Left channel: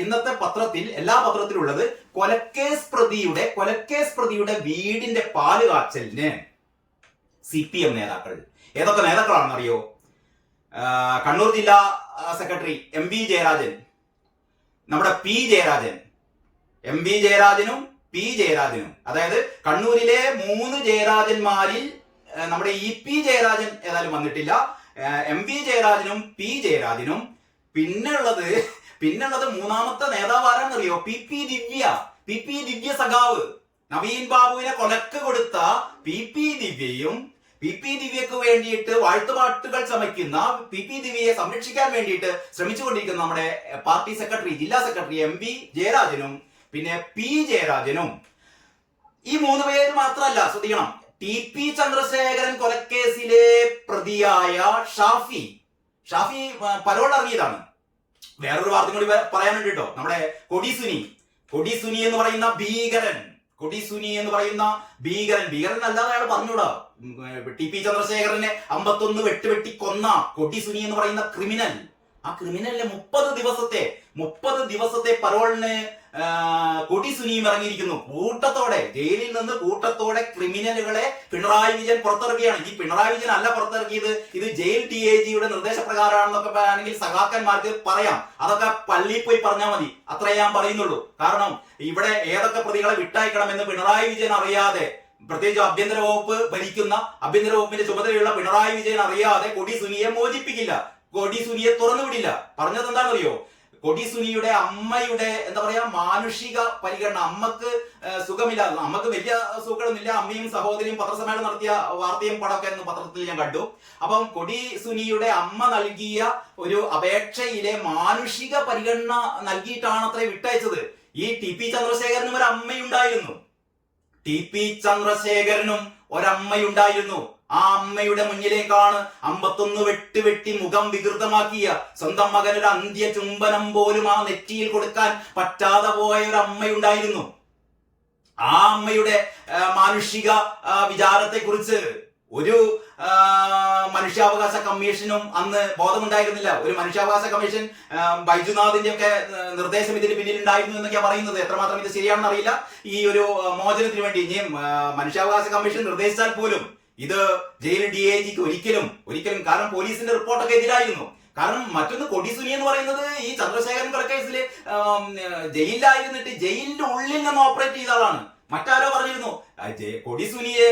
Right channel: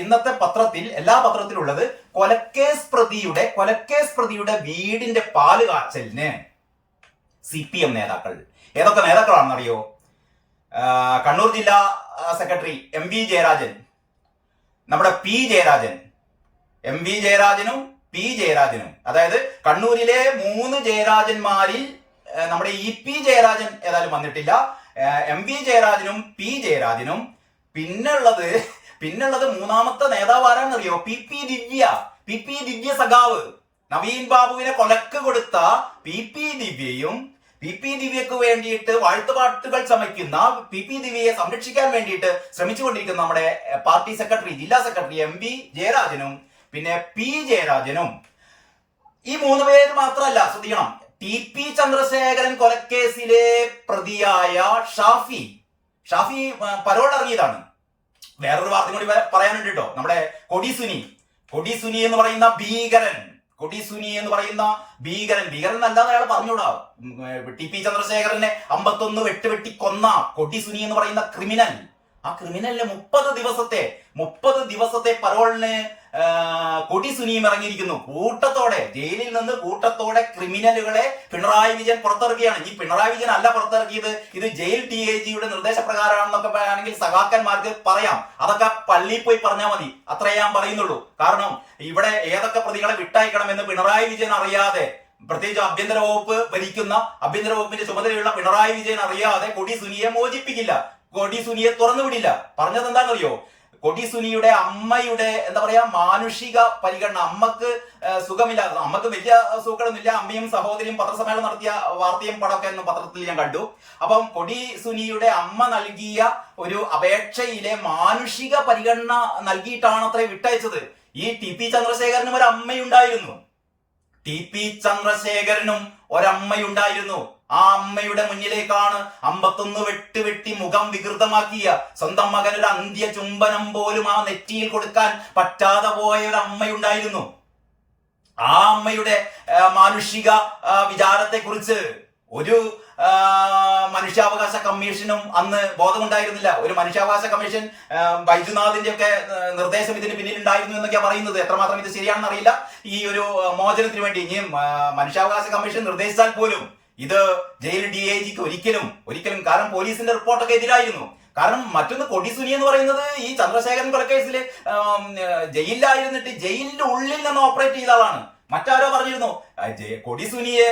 ഇന്നത്തെ പത്രത്തിൽ എല്ലാ പത്രത്തിലും ഉള്ളത് കൊലക്കേസ് പ്രതിയുടെ വീടിന്റെ പാല് കാച്ചലിന് CPM നേതാക്കൾ. ഏതൊക്കെ നേതാക്കളാണെന്നറിയോ? കണ്ണൂർ ജില്ലാ സെക്രട്ടറി MV ജയരാജൻ, നമ്മുടെ P ജയരാജൻ, MV ജയരാജനും P ജയരാജനും, അതായത് കണ്ണൂരിലെ 3 ജയരാജന്മാരിൽ നമ്മുടെ EP ജയരാജൻ ഏതായാലും വന്നിട്ടില്ല. MV ജയരാജനും P ജയരാജനും, പിന്നുള്ളത് മൂന്നാമത്തെ നേതാവ് ആരാന്നറിയോ? PP ദിവ്യ സഖാവ്. നവീൻ ബാബുവിനെ കൊലക്ക് കൊടുത്ത PP ദിവ്യയും PP ദിവ്യക്ക് വേണ്ടിയിട്ട് വാഴ്ത്തുപാട്ടുകൾ ചമയ്ക്കുന്ന PP ദിവ്യയെ സംരക്ഷിക്കാൻ വേണ്ടിയിട്ട് ശ്രമിച്ചുകൊണ്ടിരിക്കുന്ന നമ്മുടെ പാർട്ടി സെക്രട്ടറി, ജില്ലാ സെക്രട്ടറി MV ജയരാജനും പിന്നെ P ജയരാജനും. ഈ 3 പേര് മാത്രമല്ല, ശ്രദ്ധിക്കണം, TP ചന്ദ്രശേഖരൻ കൊലക്കേസിലെ പ്രതിയായ ഷാഫി പരോൾ ഇറങ്ങിയതാണ്. വേറൊരു വാർത്ത കൂടി പറയാനുണ്ട് കേട്ടോ. നമ്മുടെ കൊടി സുനി എന്ന് പറയുന്ന ഭീകരൻ അല്ലാതെ അയാൾ പറഞ്ഞൂടാ. TP ചന്ദ്രശേഖരനെ 51 വെട്ടി കൊന്ന കൊടി സുനി എന്ന് പറയുന്ന ക്രിമിനൽ. ആ ക്രിമിനലിനെ 30 ദിവസത്തെ പരോളിന് കൊടി സുനിയും ഇറങ്ങിയിരിക്കുന്നു. ജയിലിൽ നിന്ന് കൂട്ടത്തോടെ ക്രിമിനലുകളെ പിണറായി വിജയൻ പുറത്തിറക്കുകയാണ്. ഈ പിണറായി വിജയൻ അല്ല പുറത്തിറക്കിയത്, ഇത് ജയിൽ DIGയുടെ നിർദ്ദേശപ്രകാരമാണെന്നൊക്കെ ആണെങ്കിൽ സഖാക്കന്മാർക്ക് പറയാം. അതൊക്കെ പള്ളിയിൽ പോയി പറഞ്ഞാൽ മതി, അത്രേ ഞാൻ പറയുന്നുള്ളൂ. കാരണം ഇവിടെ ഏതൊക്കെ പ്രതികളെ വിട്ടയക്കണമെന്ന് പിണറായി വിജയൻ അറിയാതെ, പ്രത്യേകിച്ച് ആഭ്യന്തര വകുപ്പിന്റെ ചുമതലയുള്ള പിണറായി വിജയൻ അറിയാതെ കൊടി സുനിയെ മോചിപ്പിക്കില്ല, കൊടി സുനിയെ തുറന്നു വിടില്ല. പറഞ്ഞത് എന്താണെന്നറിയോ? കൊടി സുനിയുടെ അമ്മയുടെ മാനുഷിക പരിഗണന, അമ്മക്ക് സുഖമില്ല, അമ്മക്ക് വലിയ സുഖമൊന്നുമില്ല. അമ്മയും സഹോദരിയും പത്രസമ്മേളനം നടത്തിയ വാർത്തയും പടമൊക്കെ പത്രത്തിൽ ഞാൻ കണ്ടു. അപ്പം കൊടി സുനിയുടെ അമ്മ നൽകിയ ഒരു അപേക്ഷയിലെ മാനുഷിക പരിഗണന നൽകിയിട്ടാണ് അത്ര വിട്ടയച്ചത്. ഈ TP ചന്ദ്രശേഖരനും ഒരു അമ്മയുണ്ടായിരുന്നു. ആ അമ്മയുടെ മുന്നിലേക്കാണ് 51 വെട്ടി മുഖം വികൃതമാക്കിയ സ്വന്തം മകൻ ഒരു അന്ത്യ ചുംബനം പോലും ആ നെറ്റിയിൽ കൊടുക്കാൻ പറ്റാതെ പോയ ഒരു അമ്മയുണ്ടായിരുന്നു. ആ അമ്മയുടെ മാനുഷിക വിചാരത്തെ കുറിച്ച് ഒരു മനുഷ്യാവകാശ കമ്മീഷനും അന്ന് ബോധമുണ്ടായിരുന്നില്ല. ഒരു മനുഷ്യാവകാശ കമ്മീഷൻ ബൈജുനാഥിന്റെ ഒക്കെ നിർദ്ദേശം ഇതിന് പിന്നിൽ ഉണ്ടായിരുന്നു എന്നൊക്കെയാണ് പറയുന്നത്. എത്രമാത്രം ഇത് ശരിയാണെന്ന് അറിയില്ല. ഈ ഒരു മോചനത്തിന് വേണ്ടി ഇനി മനുഷ്യാവകാശ കമ്മീഷൻ നിർദ്ദേശിച്ചാൽ പോലും ഇത് ജയിൽ DIGക്ക് ഒരിക്കലും, കാരണം പോലീസിന്റെ റിപ്പോർട്ടൊക്കെ എതിരായിരുന്നു. കാരണം മറ്റൊന്ന്, കൊടി സുനി എന്ന് പറയുന്നത് ഈ ചന്ദ്രശേഖരൻ കൊലക്കേസിൽ ജയിലിലായിരുന്നിട്ട് ജയിലിന്റെ ഉള്ളിൽ നിന്ന് ഓപ്പറേറ്റ് ചെയ്ത ആളാണ്. മറ്റാരോ പറഞ്ഞിരുന്നു കൊടി സുനിയെ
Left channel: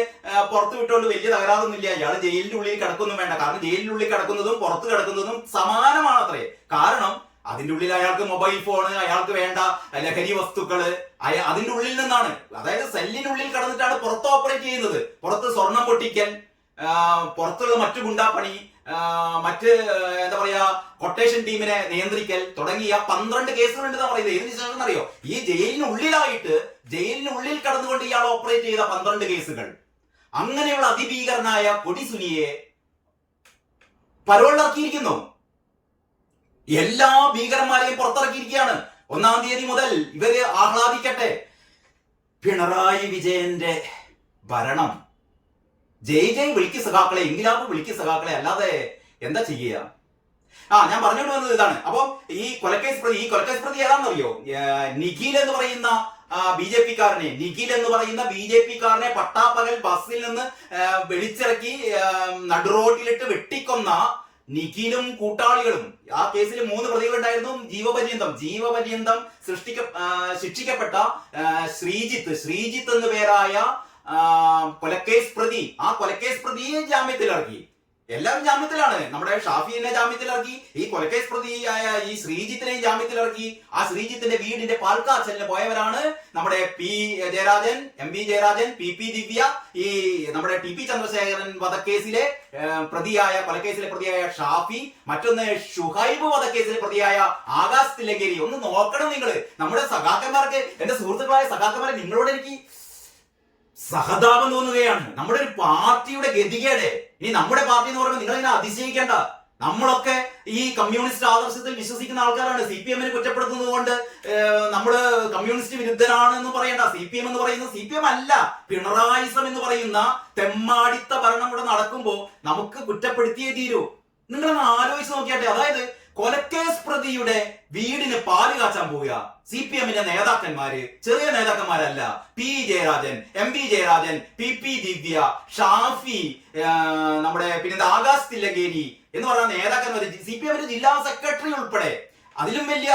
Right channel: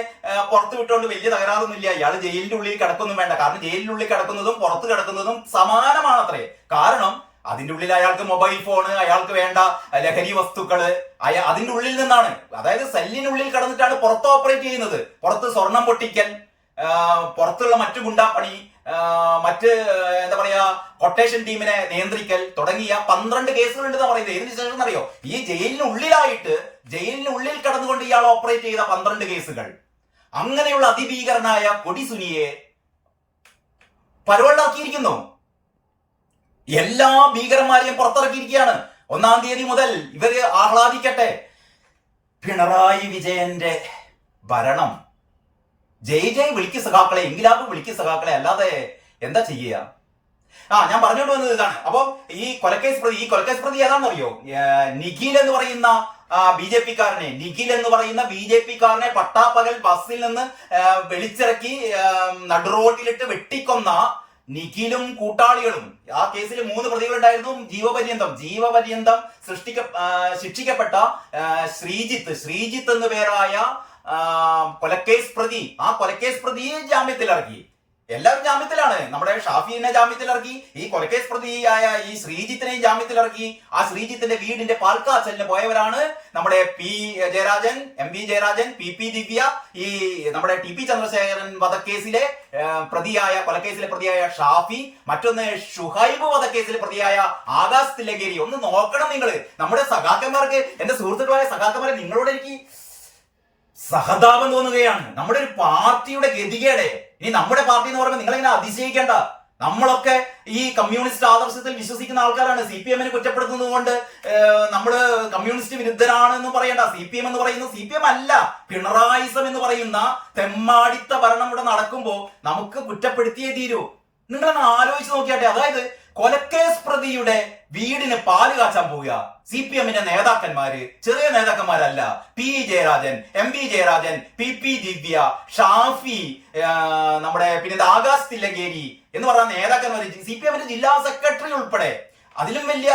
പുറത്തു വിട്ടുകൊണ്ട് വലിയ തകരാറൊന്നുമില്ല, ഇയാൾ ജയിലിന്റെ ഉള്ളിൽ കിടക്കൊന്നും വേണ്ട. കാരണം ജയിലിന്റെ ഉള്ളിൽ കിടക്കുന്നതും പുറത്ത് കിടക്കുന്നതും സമാനമാണത്രേ. കാരണം അതിന്റെ ഉള്ളിൽ അയാൾക്ക് മൊബൈൽ ഫോണ്, അയാൾക്ക് വേണ്ട ലഹരി വസ്തുക്കള് അതിന്റെ ഉള്ളിൽ നിന്നാണ്, അതായത് സെല്ലിനുള്ളിൽ കിടന്നിട്ടാണ് പുറത്ത് ഓപ്പറേറ്റ് ചെയ്യുന്നത്. പുറത്ത് സ്വർണം പൊട്ടിക്കൽ, പുറത്തുള്ള മറ്റു ഗുണ്ടാപ്പണി, മറ്റ് കൊട്ടേഷൻ ടീമിനെ നിയന്ത്രിക്കൽ തുടങ്ങിയ 12 കേസുകളുണ്ടെന്ന് പറയുന്നത്. ഇതിന് ശേഷം അറിയോ, ഈ ജയിലിനുള്ളിൽ കടന്നുകൊണ്ട് ഇയാൾ ഓപ്പറേറ്റ് ചെയ്ത 12 കേസുകൾ. അങ്ങനെയുള്ള അതിഭീകരനായ കൊടി സുനിയെ പരോളിറക്കിയിരിക്കുന്നു. എല്ലാ ഭീകരന്മാരെയും പുറത്തിറക്കിയിരിക്കുകയാണ്. 1-ാം തീയതി മുതൽ ഇവര് ആഹ്ലാദിക്കട്ടെ. പിണറായി വിജയന്റെ ഭരണം ജയ് വിളിക്ക് സഖാക്കളെ, ഇൻകിലാബ് വിളിക്ക് സഖാക്കളെ, അല്ലാതെ എന്താ ചെയ്യുക? ഞാൻ പറഞ്ഞുകൊണ്ട് വന്നത് ഇതാണ്. അപ്പൊ ഈ കൊലക്കേസ് പ്രതി ഏതാണെന്നറിയോ? നിഖിൽ എന്ന് പറയുന്ന BJP-കാരനെ പട്ടാപ്പകൽ ബസ്സിൽ നിന്ന് വിളിച്ചിറക്കി നടുറോട്ടിലിട്ട് വെട്ടിക്കൊന്ന നിഖിലും കൂട്ടാളികളും. ആ കേസിൽ 3 പ്രതികളുണ്ടായിരുന്നു. ജീവപര്യന്തം ശിക്ഷിക്കപ്പെട്ട ശ്രീജിത്ത് എന്ന പേരായ കൊലക്കേസ് പ്രതി. ആ കൊലക്കേസ് പ്രതിയെ ജാമ്യത്തിലിറക്കി. എല്ലാവരും ജാമ്യത്തിലാണ്. നമ്മുടെ ഷാഫിനെ ജാമ്യത്തിലിറക്കി, ഈ കൊലക്കേസ് പ്രതിയായ ഈ ശ്രീജിത്തിനെയും ജാമ്യത്തിലിറക്കി. ആ ശ്രീജിത്തിന്റെ വീടിന്റെ പാൽക്കാച്ചലിന് പോയവരാണ് നമ്മുടെ P Jayarajan, MV Jayarajan, PP ദിവ്യ, ഈ നമ്മുടെ TP ചന്ദ്രശേഖരൻ വധക്കേസിലെ കൊലക്കേസിലെ പ്രതിയായ ഷാഫി, മറ്റൊന്ന് ഷുഹൈബ് വധക്കേസിലെ പ്രതിയായ ആകാശ് തില്ലങ്കേരി. ഒന്ന് നോക്കണം നിങ്ങൾ, നമ്മുടെ സഖാക്കന്മാർക്ക്, എന്റെ സുഹൃത്തുക്കളായ സഖാക്കന്മാരെ, നിങ്ങളോട് എനിക്ക് സഹതാപം തോന്നുകയാണ്. നമ്മുടെ ഒരു പാർട്ടിയുടെ ഗതികേട്. ഇനി നമ്മുടെ പാർട്ടി എന്ന് പറയുമ്പോൾ നിങ്ങളിങ്ങനെ അതിശയിക്കേണ്ട. നമ്മളൊക്കെ ഈ കമ്മ്യൂണിസ്റ്റ് ആദർശത്തിൽ വിശ്വസിക്കുന്ന ആൾക്കാരാണ്. CPM-നെ കുറ്റപ്പെടുത്തുന്നത് കൊണ്ട് നമ്മള് കമ്മ്യൂണിസ്റ്റ് വിരുദ്ധരാണെന്നും പറയണ്ട. CPM എന്ന് പറയുന്നത് CPM അല്ല, പിണറായിസം എന്ന് പറയുന്ന തെമ്മാടിത്ത ഭരണം ഇവിടെ നടക്കുമ്പോ നമുക്ക് കുറ്റപ്പെടുത്തിയേ തീരൂ. നിങ്ങളൊന്ന് ആലോചിച്ച് നോക്കിയാട്ടെ. അതായത് കൊലക്കേസ് പ്രതിയുടെ വീടിന് പാല് കാച്ചാൻ പോവുക CPM-ന്റെ നേതാക്കന്മാര്, ചെറിയ നേതാക്കന്മാരല്ല. P Jayarajan, MP Jayarajan, PP Divya, Shafi, നമ്മുടെ പിന്നെ ആകാശ് തില്ലങ്കേരി എന്ന് പറയുന്ന നേതാക്കന്മാര്, CPM-ന്റെ ജില്ലാ സെക്രട്ടറി ഉൾപ്പെടെ, അതിലും വലിയ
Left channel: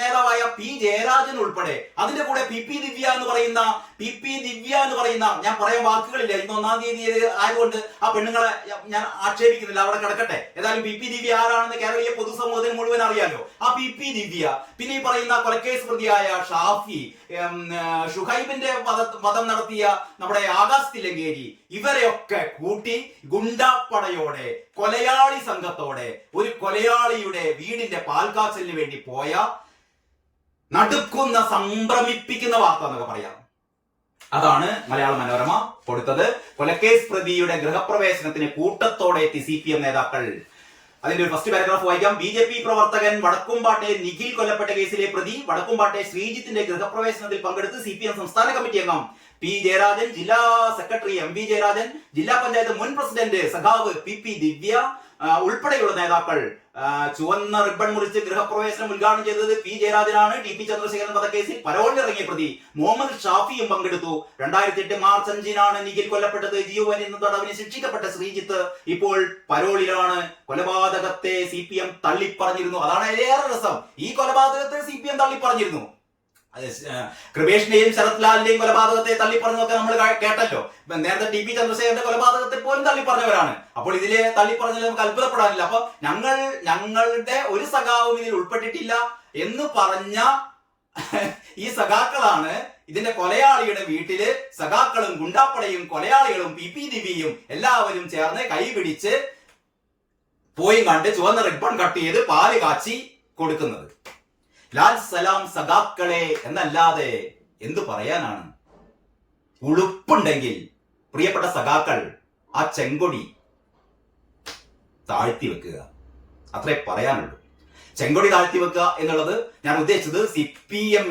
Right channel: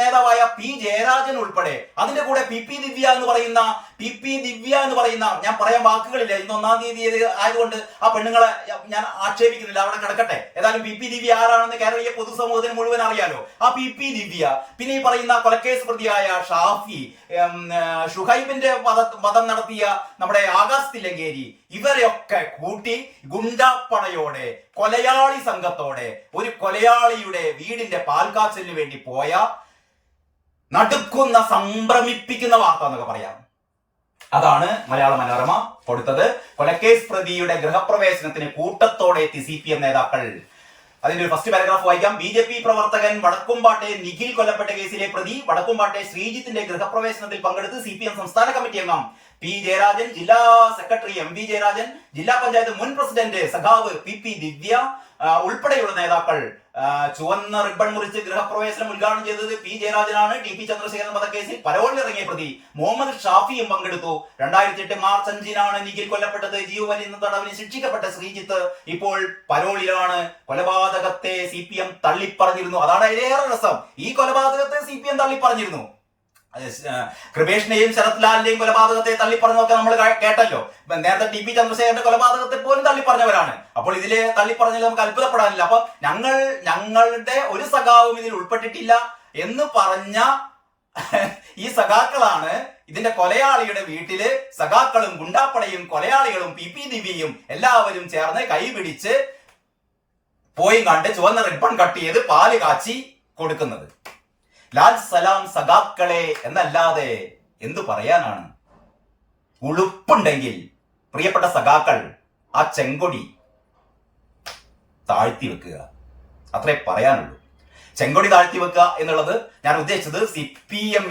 നേതാവായ P ജയരാജൻ ഉൾപ്പെടെ, അതിന്റെ കൂടെ PP ദിവ്യ എന്ന് പറയുന്ന ഞാൻ പറയാൻ വാക്കുകളില്ല, ഇന്ന് 1-ാം തീയതി ആയതുകൊണ്ട് ആ പെണ്ണുങ്ങളെ ഞാൻ ആക്ഷേപിക്കുന്നില്ല, അവിടെ കിടക്കട്ടെ. ഏതായാലും PP ദിവ്യ ആരാണെന്ന് കേരളീയ പൊതുസമൂഹത്തിന് മുഴുവൻ അറിയാലോ. ആ PP ദിവ്യ, പിന്നെ ഈ പറയുന്ന കൊലക്കേസ് പ്രതിയായ ഷാഫി, ഷുഹൈബിന്റെ വധം നടത്തിയ നമ്മുടെ ആകാശ് തില്ലങ്കേരി, ഇവരെയൊക്കെ കൂട്ടി ഗുണ്ടാപ്പടയോടെ, കൊലയാളി സംഘത്തോടെ ഒരു കൊലയാളിയുടെ വീടിന്റെ പാൽക്കാച്ചലിന് വേണ്ടി പോയ നടുക്കുന്ന, സംഭ്രമിപ്പിക്കുന്ന വാർത്ത എന്നൊക്കെ പറയാം. അതാണ് മലയാള മനോരമ കൊടുത്തത്. കൊലക്കേസ് പ്രതിയുടെ ഗൃഹപ്രവേശനത്തിന് കൂട്ടത്തോടെ എത്തി CPM നേതാക്കൾ. അതിന്റെ ഒരു ഫസ്റ്റ് പാരഗ്രാഫ് വായിക്കാം. BJP പ്രവർത്തകൻ വടക്കുംപാട്ടെ നിഖിൽ കൊല്ലപ്പെട്ട കേസിലെ പ്രതി വടക്കുംപാട്ടെ ശ്രീജിത്തിന്റെ ഗൃഹപ്രവേശനത്തിൽ പങ്കെടുത്ത് CPM സംസ്ഥാന കമ്മിറ്റി അംഗം P ജയരാജൻ, ജില്ലാ സെക്രട്ടറി MP ജയരാജൻ, ജില്ലാ പഞ്ചായത്ത് മുൻ പ്രസിഡന്റ് സഖാവ് PP ദിവ്യ ഉൾപ്പെടെയുള്ള നേതാക്കൾ. ചുവന്ന റിബൺ മുറിച്ച് ഗൃഹപ്രവേശനം ഉദ്ഘാടനം ചെയ്തത് P ജയരാജനാണ്. TP ചന്ദ്രശേഖരൻ വധക്കേസിൽ പരോളിലിറങ്ങിയ പ്രതി മുഹമ്മദ് ഷാഫിയും പങ്കെടുത്തു. 2008 മാർച്ച് 5-നാണ് നിഖിൽ കൊല്ലപ്പെട്ടത്. ജീവപര്യന്തം തടവിന് ശിക്ഷിക്കപ്പെട്ട ശ്രീജിത്ത് ഇപ്പോൾ പരോളിലാണ്. കൊലപാതകത്തെ CPM തള്ളിപ്പറഞ്ഞിരുന്നു. അതാണ് അതിലേറെ രസം. ഈ കൊലപാതകത്തെ CPM തള്ളിപ്പറഞ്ഞിരുന്നു. കൃപേഷിന്റെയും ശരത് ലാലിന്റെയും കൊലപാതകത്തെ തള്ളിപ്പറഞ്ഞൊക്കെ നമ്മൾ കേട്ടല്ലോ. നേരത്തെ TP ചന്ദ്രശേഖരന്റെ കൊലപാതകത്തെ പോലും തള്ളിപ്പറഞ്ഞവരാണ്. അപ്പോൾ ഇതിലെ തള്ളിപ്പറഞ്ഞതിൽ നമുക്ക് അത്ഭുതപ്പെടാനില്ല. അപ്പൊ ഞങ്ങളുടെ ഒരു സഖാവും ഇതിൽ ഉൾപ്പെട്ടിട്ടില്ല എന്ന് പറഞ്ഞ ഈ സഖാക്കളാണ് ഇതിന്റെ കൊലയാളിയുടെ വീട്ടില് സഖാക്കളും ഗുണ്ടാപ്പടയും കൊലയാളികളും PP ദിവ്യയും എല്ലാവരും ചേർന്ന് കൈപിടിച്ച് പോയി കണ്ട് ചുവന്ന റിബൺ കട്ട് ചെയ്ത് പാല് കാച്ചി കൊടുക്കുന്നത്. ലാൽ സലാം സഖാക്കളെ എന്നല്ലാതെ എന്തു പറയാനാണ്? ഉളുപ്പുണ്ടെങ്കിൽ പ്രിയപ്പെട്ട സഖാക്കൾ ആ ചെങ്കൊടി താഴ്ത്തി വെക്കുക, അത്രേ പറയാനുള്ളൂ. ചെങ്കൊടി താഴ്ത്തി വെക്കുക എന്നുള്ളത് ഞാൻ ഉദ്ദേശിച്ചത് CPM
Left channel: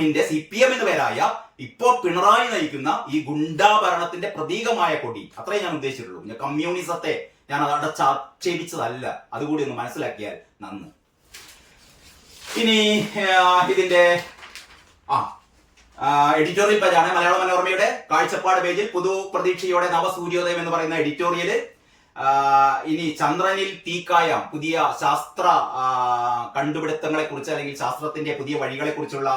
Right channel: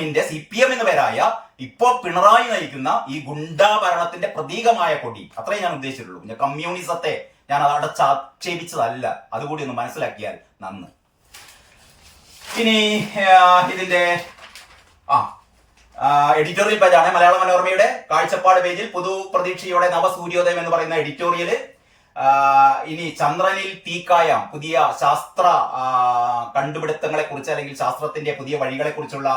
എന്ന് പേരായ ഇപ്പോ പിണറായി നയിക്കുന്ന ഈ ഗുണ്ടാ ഭരണത്തിന്റെ പ്രതീകമായ കൊടി, അത്രേ ഞാൻ ഉദ്ദേശിച്ചിട്ടുള്ളൂ. കമ്മ്യൂണിസത്തെ ഞാൻ അത് അടച്ചാക്ഷേപിച്ചതല്ല. അതുകൂടി ഒന്ന് മനസ്സിലാക്കിയാൽ നന്ന്. ഇനി ഇതിന്റെ എഡിറ്റോറിയൽ പേജാണ് മലയാള മനോരമയുടെ കാഴ്ചപ്പാട് പേജിൽ. പുതു പ്രതീക്ഷയോടെ നവസൂര്യോദയം എന്ന് പറയുന്ന എഡിറ്റോറിയല്. ഇനി ചന്ദ്രനിൽ തീക്കായം, പുതിയ ശാസ്ത്ര കണ്ടുപിടുത്തങ്ങളെ കുറിച്ച് അല്ലെങ്കിൽ ശാസ്ത്രത്തിന്റെ പുതിയ വഴികളെ കുറിച്ചുള്ള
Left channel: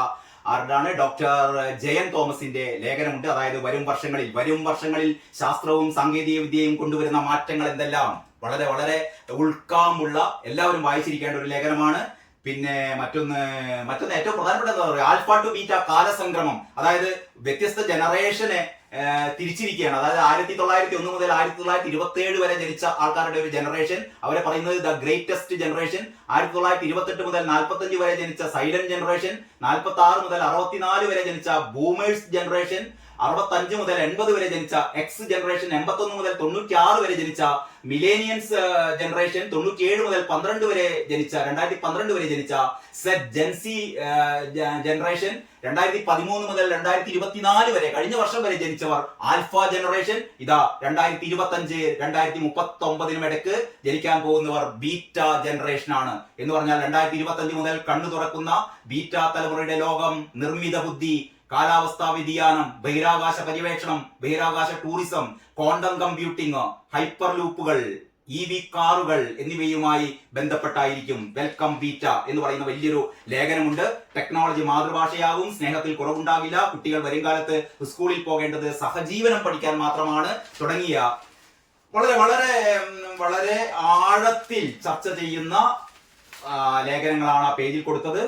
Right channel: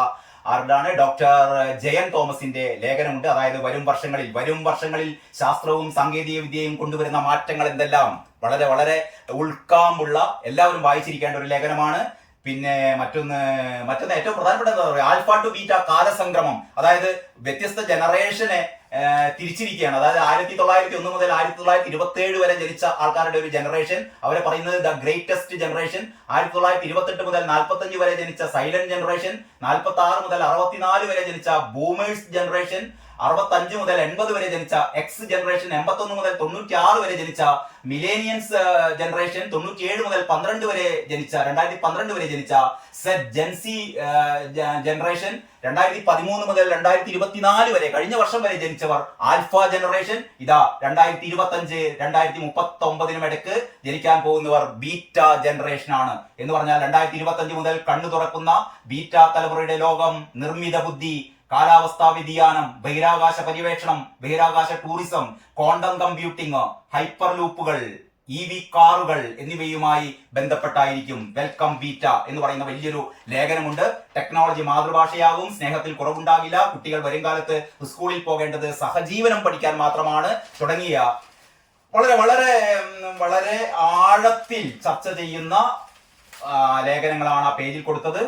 ആരുടെയാണ്? ഡോക്ടർ ജയൻ തോമസിന്റെ ലേഖനമുണ്ട്. അതായത് വരും വർഷങ്ങളിൽ ശാസ്ത്രവും സാങ്കേതിക വിദ്യയും കൊണ്ടുവരുന്ന മാറ്റങ്ങൾ എന്തെല്ലാം, വളരെ വളരെ ഉൾക്കാമ്പുള്ള, എല്ലാവരും വായിച്ചിരിക്കേണ്ട ഒരു ലേഖനമാണ്. പിന്നെ മറ്റൊന്ന് ഏറ്റവും പ്രധാനപ്പെട്ട എന്താ പറയുക, ആൽഫ ടു ബീറ്റ കാലസംക്രമം. അതായത് വ്യത്യസ്ത ജനറേഷനെ തിരിച്ചിരിക്കുകയാണ്. അതായത് 1901 മുതൽ 1927 വരെ ജനിച്ച ആൾക്കാരുടെ ഒരു ജനറേഷൻ, അവരെ പറയുന്നത് ദ ഗ്രേറ്റസ്റ്റ് ജനറേഷൻ. 1928 മുതൽ 45 വരെ ജനിച്ച സൈലന്റ് ജനറേഷൻ, 46 മുതൽ 64 വരെ ജനിച്ച ബൂമേഴ്സ് ജനറേഷൻ, 65 മുതൽ 80 വരെ ജനിച്ച എക്സ് ജനറേഷൻ, 81 മുതൽ 96 വരെ ജനിച്ച മിലേനിയൻസ് ജനറേഷൻ, 97 മുതൽ 2012 വരെ ജനിച്ച സെറ്റ് ജെൻസി ജനറേഷൻ, 2013 മുതൽ 2024 വരെ കഴിഞ്ഞ വർഷം വരെ ജനിച്ചവർ ആൽഫ ജനറേഷൻ. ഇതാ 2025 2039 ഇടയ്ക്ക് ജനിക്കാൻ പോകുന്നവർ ബീറ്റ ജനറേഷൻ ആണ്. എന്ന് പറഞ്ഞാൽ 2025 മുതൽ കണ്ണു തുറക്കുന്ന ബീറ്റ തലമുറയുടെ ലോകം നിർമ്മിത ബുദ്ധി, കാലാവസ്ഥാ വ്യതിയാനം, ബഹിരാകാശ പര്യവേക്ഷണം, ബഹിരാകാശ ടൂറിസം, ക്വാണ്ടം കമ്പ്യൂട്ടിംഗ്, ഹൈപ്പർ ലൂപ്പുകൾ, EV കാറുകൾ എന്നിവയുമായി ബന്ധപ്പെട്ടായിരിക്കും. വെൽക്കം ബീറ്റ എന്ന് പറയുന്ന വലിയൊരു ലേഖനമുണ്ട്. ടെക്നോളജി മാതൃഭാഷയാകും, സ്നേഹത്തിൽ കുറവുണ്ടാകില്ല, കുട്ടികൾ വരും കാലത്ത് സ്കൂളിൽ പോകേണ്ടത് സഹജീവനം പഠിക്കാൻ മാത്രമാണ് തുടങ്ങിയ വളരെ വളരെ വളരെ ആഴത്തിൽ ചർച്ച ചെയ്യുന്ന ലേഖനങ്ങളാണ് ആ പേജിൽ കൊടുത്തത്.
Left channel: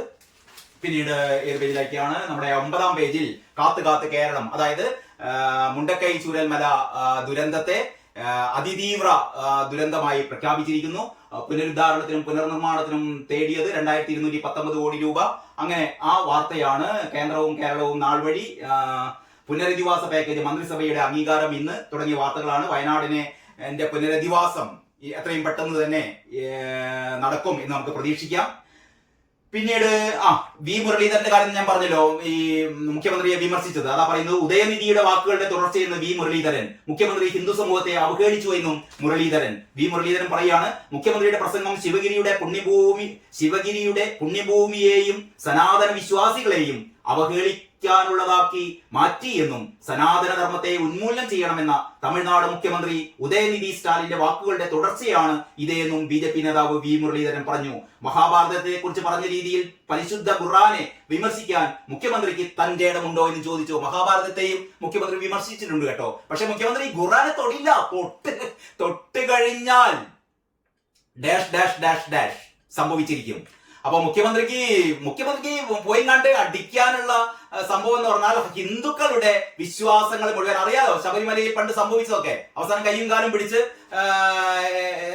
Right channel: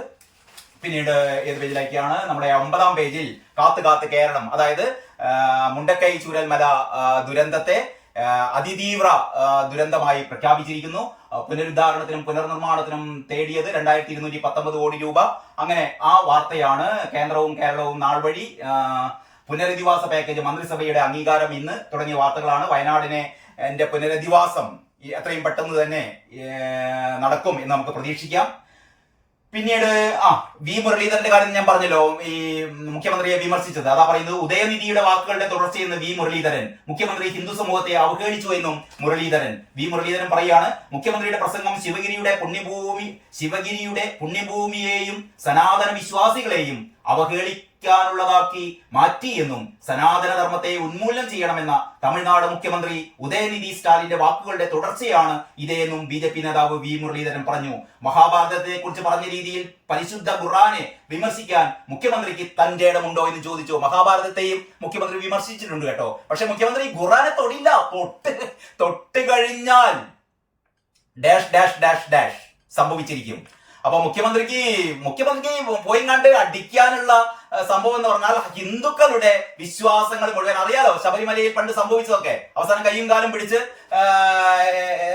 പിന്നീട് ഏത് പേജിലേക്കാണ്? നമ്മുടെ 9-ാം പേജിൽ കാത്ത് കേരളം, അതായത് മുണ്ടക്കൈ ചൂരൽമല ദുരന്തത്തെ അതിതീവ്ര ദുരന്തമായി പ്രഖ്യാപിച്ചിരിക്കുന്നു. പുനരുദ്ധാരണത്തിനും പുനർനിർമ്മാണത്തിനും തേടിയത് 2219 കോടി രൂപ. അങ്ങനെ ആ വാർത്തയാണ്. കേന്ദ്രവും കേരളവും നാൾ വഴി പുനരധിവാസ പാക്കേജ്, മന്ത്രിസഭയുടെ അംഗീകാരം ഇന്ന് തുടങ്ങിയ വാർത്തകളാണ്. വയനാടിനെ പുനരധിവാസം എത്രയും പെട്ടെന്ന് തന്നെ നടക്കും എന്ന് നമുക്ക് പ്രതീക്ഷിക്കാം. പിന്നീട് വി മുരളീധരന്റെ കാര്യം ഞാൻ പറഞ്ഞല്ലോ, ഈ മുഖ്യമന്ത്രിയെ വിമർശിച്ചത്. അതാ പറയുന്നത്, ഉദയനിധിയുടെ വാക്കുകളുടെ തുടർച്ചയെന്ന് വി മുരളീധരൻ. മുഖ്യമന്ത്രി ഹിന്ദു സമൂഹത്തെ അവഹേളിച്ചു എന്നും മുരളീധരൻ. വി മുരളീധരൻ പറയാണ്, മുഖ്യമന്ത്രിയുടെ പ്രസംഗം ശിവഗിരിയുടെ പുണ്യഭൂമിയെയും സനാതന വിശ്വാസികളെയും അവഹേളിക്കാനുള്ളതാക്കി മാറ്റി എന്നും സനാതന ധർമ്മത്തെ ഉന്മൂലനം ചെയ്യണമെന്ന തമിഴ്നാട് മുഖ്യമന്ത്രി ഉദയനിധി സ്റ്റാലിന്റെ വാക്കുകളുടെ തുടർച്ചയാണ് ഇതേന്നും BJP നേതാവ് വി മുരളീധരൻ പറഞ്ഞു. മഹാഭാരതത്തെ കുറിച്ച് പറഞ്ഞ രീതിയിൽ പരിശുദ്ധ ഖുർആനെ വിമർശിക്കാൻ മുഖ്യമന്ത്രിക്ക് തന്റെ ഇടമുണ്ടോ എന്ന് ചോദിച്ചു. മഹാഭാരതത്തെയും മുഖ്യമന്ത്രി വിമർശിച്ചിട്ടുണ്ട് കേട്ടോ. പക്ഷെ മുഖ്യമന്ത്രി ഖുർആനെ തൊടില്ല. തൊട്ട് കഴിഞ്ഞാൽ ഡാഷ് ഡാഷ് ഡാഷ് ഡാഷ് സംഭവിച്ചിരിക്കും. അപ്പൊ മുഖ്യമന്ത്രിക്ക് പോയി കണ്ട് അടിക്കാനുള്ള സംഭവം എന്ന് പറഞ്ഞാൽ ഹിന്ദുക്കളുടെ വിശ്വാസങ്ങൾ മുഴുവൻ അറിയാലോ. ശബരിമലയിൽ പണ്ട് സംഭവിച്ചതൊക്കെ അവസാനം കയ്യും കാലും പിടിച്ച്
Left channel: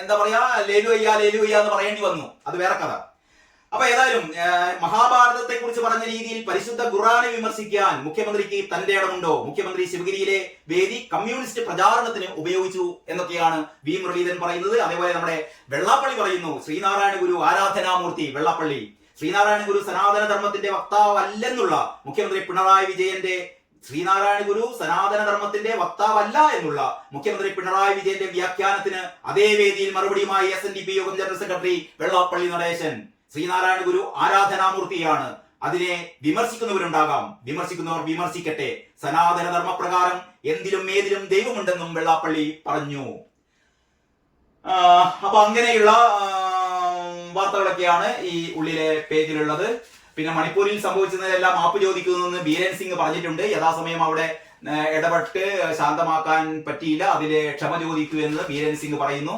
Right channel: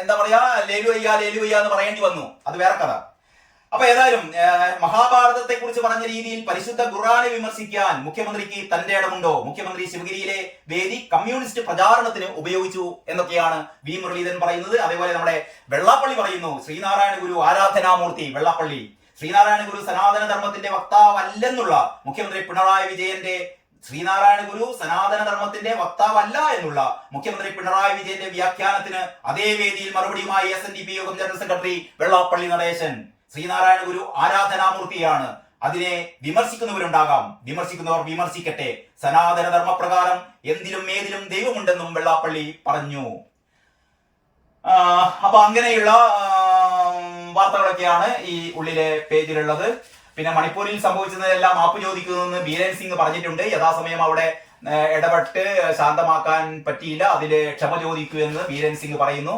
എന്താ പറയാ, ലേലുവയ്യ എന്ന് പറയേണ്ടി വന്നു. അത് വേറെ കഥ. അപ്പൊ ഏതായാലും മഹാഭാരതത്തെ കുറിച്ച് പറഞ്ഞ രീതിയിൽ പരിശുദ്ധ ഖുർആനെ വിമർശിക്കാൻ മുഖ്യമന്ത്രിക്ക് തന്റെ ഇടമുണ്ടോ? മുഖ്യമന്ത്രി ശിവഗിരിയിലെ വേദി കമ്മ്യൂണിസ്റ്റ് പ്രചാരണത്തിന് ഉപയോഗിച്ചു എന്നൊക്കെയാണ് വി മുരളീധരൻ പറയുന്നത്. അതേപോലെ നമ്മുടെ വെള്ളാപ്പള്ളി പറയുന്നു, ശ്രീനാരായണ ഗുരു ആരാധനാമൂർത്തി. വെള്ളാപ്പള്ളി, ശ്രീനാരായണ ഗുരു സനാതന ധർമ്മത്തിന്റെ വക്താവല്ലെന്നുള്ള മുഖ്യമന്ത്രി പിണറായി വിജയന്റെ ശ്രീനാരായണ ഗുരു സനാതന ധർമ്മത്തിന്റെ വക്താവല്ല എന്നുള്ള മുഖ്യമന്ത്രി പിണറായി വിജയന്റെ വ്യാഖ്യാനത്തിന് അതേ വേദിയിൽ മറുപടിയുമായി SNDP യോഗം ജനറൽ സെക്രട്ടറി വെള്ളാപ്പള്ളി നടേശൻ. ശ്രീനാരായണ ഗുരു ആരാധനാമൂർത്തിയാണ്, അതിനെ വിമർശിക്കുന്നവരുണ്ടാകാം, വിമർശിക്കുന്നവർ വിമർശിക്കട്ടെ, സനാതന ധർമ്മപ്രകാരം എന്തിലും ഏതിലും ദൈവമുണ്ടെന്നും വെള്ളാപ്പള്ളി പറഞ്ഞു. അപ്പൊ അങ്ങനെയുള്ള വാർത്തകളൊക്കെയാണ് ഈ ഉള്ളിലെ പേജിലുള്ളത്. പിന്നെ മണിപ്പൂരിൽ സംഭവിച്ചതെല്ലാം മാപ്പ് ചോദിക്കുമെന്ന് ബീരൻ സിംഗ് പറഞ്ഞിട്ടുണ്ട്. യഥാസമയം അവിടെ ഇടപെട്ട് ശാന്തമാക്കാൻ പറ്റിയില്ല, അതില് ക്ഷമ ചോദിക്കൂ എന്ന് ബീരൻ സിംഗ് പറയുന്നു.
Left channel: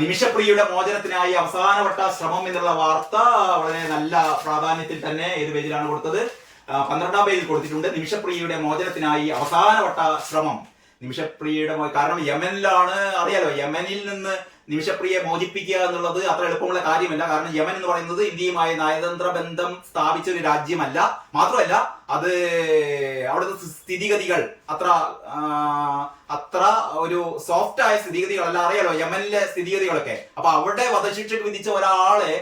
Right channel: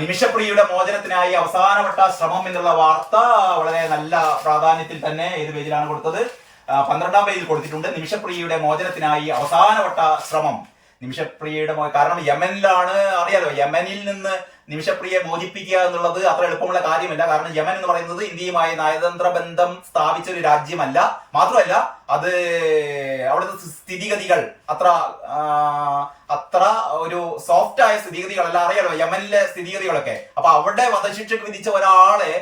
നിമിഷപ്രിയയുടെ മോചനത്തിനായി അവസാനവട്ട ശ്രമം എന്നുള്ള വാർത്ത വളരെ നല്ല പ്രാധാന്യത്തിൽ തന്നെ ഏത് പേജിലാണ് കൊടുത്തത്? 12ാം പേജിൽ കൊടുത്തിട്ടുണ്ട്. നിമിഷപ്രിയയുടെ മോചനത്തിനായി അവസാനവട്ട ശ്രമം. നിമിഷപ്രിയയുടെ കാരണം യമനിലാണ്, അറിയാലോ. യമനിൽ നിന്ന് നിമിഷപ്രിയയെ മോചിപ്പിക്കുക എന്നുള്ളത് അത്ര എളുപ്പമുള്ള കാര്യമല്ല. കാരണം യമൻ എന്ന് പറയുന്നത് ഇന്ത്യയുമായി നയതന്ത്ര ബന്ധം സ്ഥാപിച്ച ഒരു രാജ്യമല്ല. മാത്രമല്ല അത് അവിടുത്തെ സ്ഥിതിഗതികൾ അത്ര ഒരു സോഫ്റ്റ് ആയ സ്ഥിതിഗതികളല്ല. അറിയാലോ യമനിലെ സ്ഥിതിഗതികളൊക്കെ. അപ്പൊ അവിടെ വധശിക്ഷയ്ക്ക് വിധിച്ച ഒരാളെ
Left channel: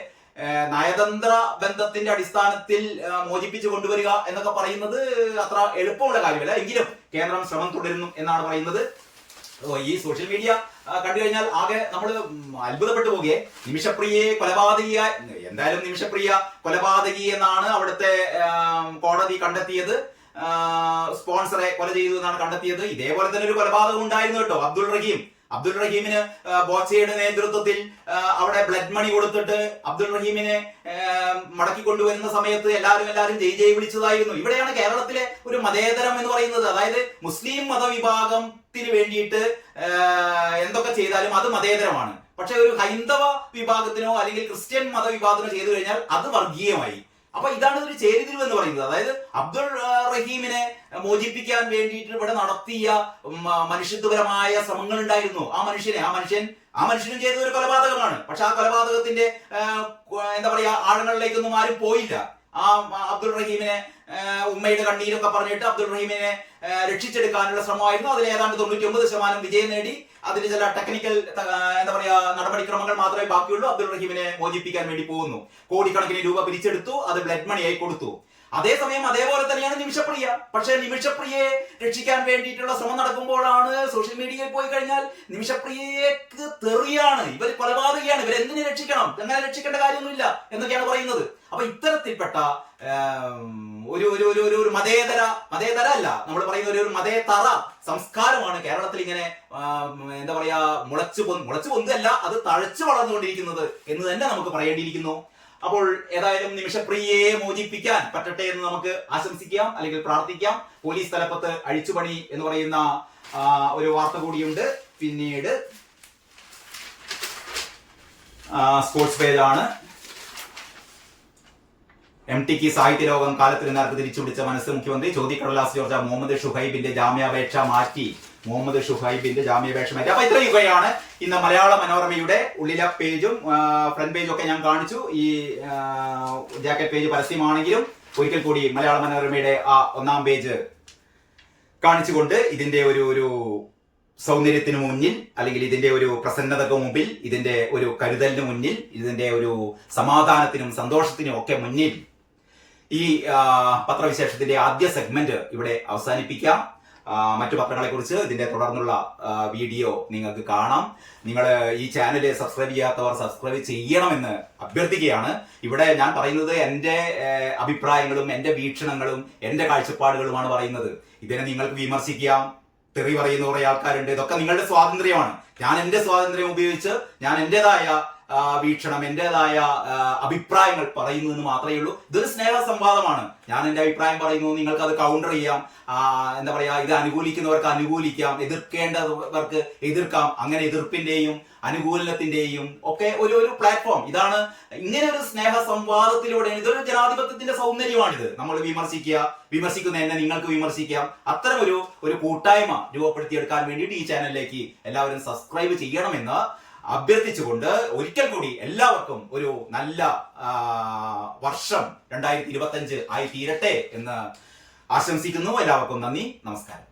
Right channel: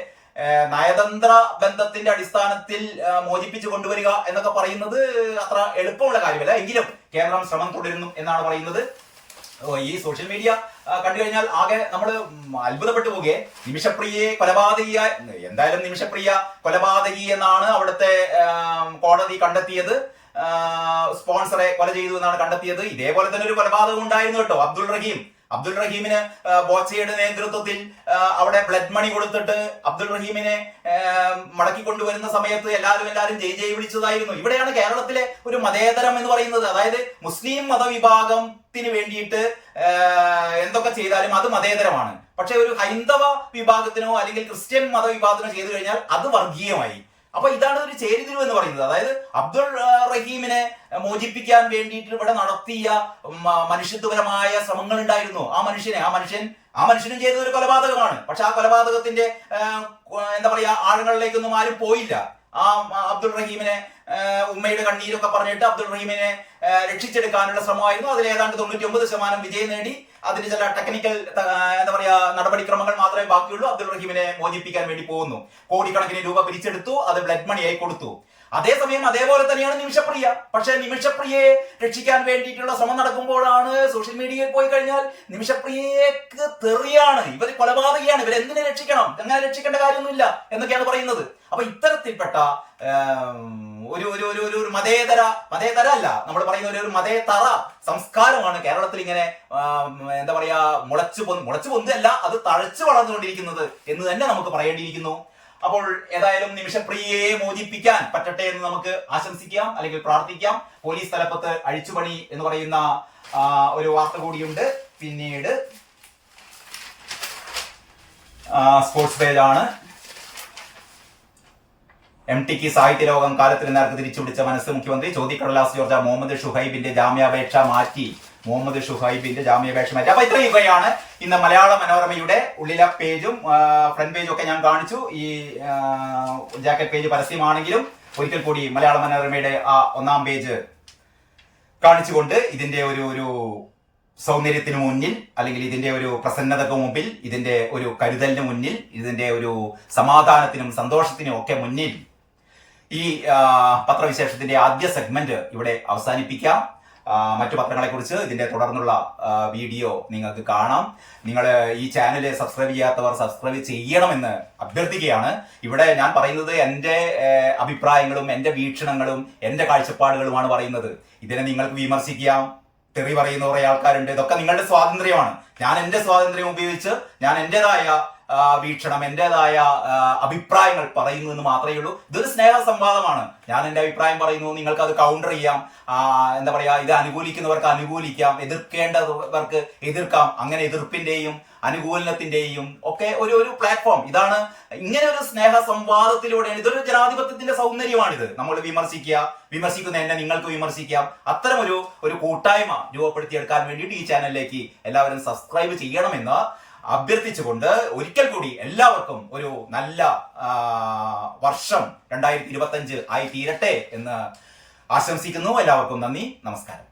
നയതന്ത്ര ബന്ധത്തിന്റെ അടിസ്ഥാനത്തിൽ മോചിപ്പിച്ചു കൊണ്ടുവരിക എന്നൊക്കെ പറയുന്നത് അത്ര എളുപ്പമുള്ള കാര്യമല്ല. എങ്കിലും കേന്ദ്രം ശ്രമം തുടരുന്നു എന്നാണ് പറയുന്നത്. ഈ സോഷ്യൽ മീഡിയ കണ്ടു കഴിഞ്ഞാൽ ആകെ നമ്മൾ അത്ഭുതപ്പെട്ടു പോകുകയെ. നിമിഷപ്രിയയെ എന്തായാലും നിമിഷപ്രിയ കൊലപാതകി എന്നാണ് അവിടുത്തെ കോടതി കണ്ടെത്തിയത്. സ്പോൺസറെ കൊല ചെയ്തു എന്നാണ് കണ്ടെത്തിയത്. ഇതേപോലെ തന്നെ ഒരു കൊലപാതകം ഉണ്ടായിരുന്നു കേട്ടോ. അബ്ദുൾ റഹീമിന് ബോച്ചയുടെ നേതൃത്വത്തിൽ അവിടെ ബ്ലഡ് മണി കൊടുത്തിട്ട് അബ്ദുൾ റഹീമിനെ മടക്കി കൊണ്ടുവരുന്ന സമയത്ത് എല്ലാവരും ജയ് വിളിച്ചതായിരുന്നു. ഇവിടെയാണ് കേരളത്തിലെ ഒരു മതേതരം എന്ന് പറയുന്നത്. അതായത് മുസ്ലിം മതവിഭാഗത്തിന് വേണ്ടിയിട്ട് എന്തൊക്കെ ചെയ്താലും അത് മതേതരമാണ്. പക്ഷെ ഒരു ഹൈന്ദവ വിഭാഗത്തിനോ അല്ലെങ്കിൽ ക്രിസ്ത്യൻ മതവിഭാഗത്തിനോ ചെയ്തു കഴിഞ്ഞാൽ അത് വർഗീയമായി. അപ്പൊ ഇതാണ് ഒരു ചേരിതിരിവ് എന്ന് പറയുന്നത്. അതായത് അബ്ദുൾ റഹീമിനെ മോചിപ്പിക്കാൻ വേണ്ടിയിട്ട് ഇവിടെ നടത്തിയ മനുഷ്യത്വപരമായ ശ്രമങ്ങൾ ഉണ്ടായിരുന്നു. ആ മനുഷ്യനും ചെയ്ത ഒരു കൊലപാതകമാണ്. പക്ഷെ ആ കൊലപാതകത്തിന്റെ എന്താ പറയാ ആഴങ്ങളിലേക്കൊന്നും ആരും പോയില്ല. ആ അബ്ദുൾ റഹീമിനെ ഉമ്മയുടെ കണ്ണീരൊക്കെ പറഞ്ഞിട്ട് അബ്ദുൾ റഹീമിനെ രക്ഷിച്ചെടുക്കാനുള്ള ശ്രമമായിരുന്നു. അതിൽ ഏതാണ്ട് 99% വിജയം നേടി. അതിന് ചില ടെക്നിക്കൽ എന്താ പറയാ നടപടിക്രമങ്ങൾ മാത്രമേ ബാക്കിയുള്ളൂ. അബ്ദുൾ റഹീമിനെ മോചിപ്പിക്കാൻ വേണ്ടി പോകുന്നു. കോടിക്കണക്കിന് രൂപ പിരിച്ചെടുത്തു, അത് ബ്ലഡ് മണിയായി കൊടുത്തു. അതേസമയം അതേപോലെ തന്നെയാണ് നിമിഷപ്രിയ. പക്ഷെ നിമിഷപ്രിയയെ രക്ഷിക്കാൻ വേണ്ടിയിട്ടുള്ള ശ്രമം നടക്കുമ്പോഴാണ് സോഷ്യൽ മീഡിയയിൽ പോയി കഴിഞ്ഞാൽ നിമിഷപ്രിയക്ക് തെറിയാണ്, ഇവർ കൊലപാതകയാണ്, ഇവരെന്തിനെ രക്ഷിക്കണം, അങ്ങനെ രക്ഷിക്കേണ്ട കാര്യമൊന്നുമില്ല എന്നൊക്കെയാണ് പറയുന്നത്. അപ്പൊ ഇത്തരത്തിൽപ്പെട്ട ഒരു മതേതര അല്ല, നമ്മൾ പറയുന്ന ഒരു മതേതര സംസ്കാരമാണ് കേരളത്തിൽ ഇങ്ങനെ എന്താ പറയാ മുളച്ചു പൊന്തല്ല, അത് തഴച്ചു വളർന്നുകൊണ്ടിരിക്കുന്നത് എന്ന് തന്നെ നമുക്ക് പറയേണ്ടിയിരിക്കുന്നു. അപ്പോൾ ഏതായാലും നിമിഷപ്രിയയെ മോചിപ്പിക്കാൻ പറ്റട്ടെ എന്ന് നമുക്ക് ആശംസിക്കാം, അല്ലെങ്കിൽ പ്രാർത്ഥിക്കാം. പോലീസ് തലപ്പത്ത് അഴിച്ചുപണി എന്ന് പറയുന്ന ഒരു വാർത്ത കൂടിയുണ്ട്. പിന്നീട് സ്പോർട്സ് പേജാണ്. MTക്ക് സാഹിത്യലോകം കാലത്തിന് നേർക്ക് തിരിച്ചുപിടിച്ച മനസ്സ്. മുഖ്യമന്ത്രി ചോദ്യക്കടലാസ് ജോർജ മുഹമ്മദ് ഷുഹൈബിന്റെ ജാമ്യാപേക്ഷ മാറ്റി. അപ്പൊ ഇത്രയൊക്കെയാണ് ഇന്ന് മലയാള മനോരമയുടെ ഉള്ളിലെ പേജും ഫ്രണ്ട് പേജും ഒക്കെ ഞാൻ കാണിച്ചു. ഈ ജാക്കറ്റ് പേജ് പരസ്യമാണെങ്കിലും ഒരിക്കൽ കൂടി മലയാള മനോരമയുടെ ആ 1ാം പേജ് കാണിച്ചുകൊണ്ട് ഇതിന്റെ ഒരു സൗന്ദര്യത്തിന് മുന്നിൽ, അല്ലെങ്കിൽ ഇതിന്റെ ഒരു പ്രസന്നതക്ക് മുമ്പിൽ, ഇതിന്റെ ഒരു കരുതലിന് മുന്നിൽ, ഇതിന്റെ ഒരു സമാധാനത്തിനും സന്തോഷത്തിനും ഒക്കെ മുന്നിൽ ഈ പത്രവിശേഷത്തിന്റെ ആദ്യ സെഗ്മെന്റ് ഇവിടെ അവസാനിപ്പിക്കാം. മറ്റു പത്രങ്ങളെക്കുറിച്ച് ഇതിന്റെ തുടർന്നുള്ള വീഡിയോ നിങ്ങൾക്ക് കാണാം. നിങ്ങൾ ഈ ചാനൽ സബ്സ്ക്രൈബ് ചെയ്യാത്തവർ സബ്സ്ക്രൈബ് ചെയ്യണമെന്ന് അഭ്യർത്ഥിക്കുകയാണ്. ഇവിടെ ഞാൻ പറയുന്നത് എൻ്റെ അഭിപ്രായങ്ങളും എൻ്റെ വീക്ഷണങ്ങളും എൻ്റെ കാഴ്ചപ്പാടുകളുമാണ് പറയുന്നത്. ഇതിനെ നിങ്ങൾക്ക് വിമർശിക്കാം, തെറി പറയുന്ന കുറെ ആൾക്കാരുണ്ട്. ഇതൊക്കെ നിങ്ങളുടെ സ്വാതന്ത്ര്യമാണ്. ഞാൻ എൻ്റെ സ്വാതന്ത്ര്യം ഉപയോഗിച്ച് ഞാൻ എൻ്റെതായ വീക്ഷണം, എൻ്റെതായ അഭിപ്രായങ്ങൾ പറയുന്നു എന്ന് മാത്രമേ ഉള്ളൂ. ഇതൊരു സ്നേഹ സംവാദമാണ്. ഞാൻ എൻ്റെ അഭിപ്രായം പറയുന്നു, നിങ്ങൾക്ക് അത് കൗണ്ടർ ചെയ്യാം. എന്താ പറയാ, ഇത് അനുകൂലിക്കുന്നവർക്ക് അനുകൂലിക്കാം, എതിർക്കേണ്ടവർക്ക് എതിർക്കാം. അങ്ങനെ എതിർപ്പിന്റെയും അനുകൂലനത്തിന്റെയും ഒക്കെ ഒരു പ്ലാറ്റ്ഫോം ഇതാണ്. ഇങ്ങനെ ഒരു സ്നേഹ സംവാദത്തിലൂടെയാണ്, ഇതൊരു ജനാധിപത്യത്തിന്റെ സൗന്ദര്യമാണിത്. നമ്മൾ വിമർശിക്കുന്ന എന്നെ നിങ്ങൾക്ക് വിമർശിക്കാം. അത്തരം ഒരു കൂട്ടായ്മ രൂപപ്പെടുത്തിയെടുക്കാൻ വേണ്ടിയിട്ട് ഈ ചാനലിലേക്ക് എല്ലാവരും സബ്സ്ക്രൈബ് ചെയ്യണമെന്ന് അഭ്യർത്ഥിച്ചുകൊണ്ട് ഒരിക്കൽ കൂടി എല്ലാവർക്കും ഒരു നല്ല വർഷം 2025 ആയി തീരട്ടെ എന്ന് ആശംസിക്കുന്നു. എല്ലാവർക്കും നന്ദി, നമസ്കാരം.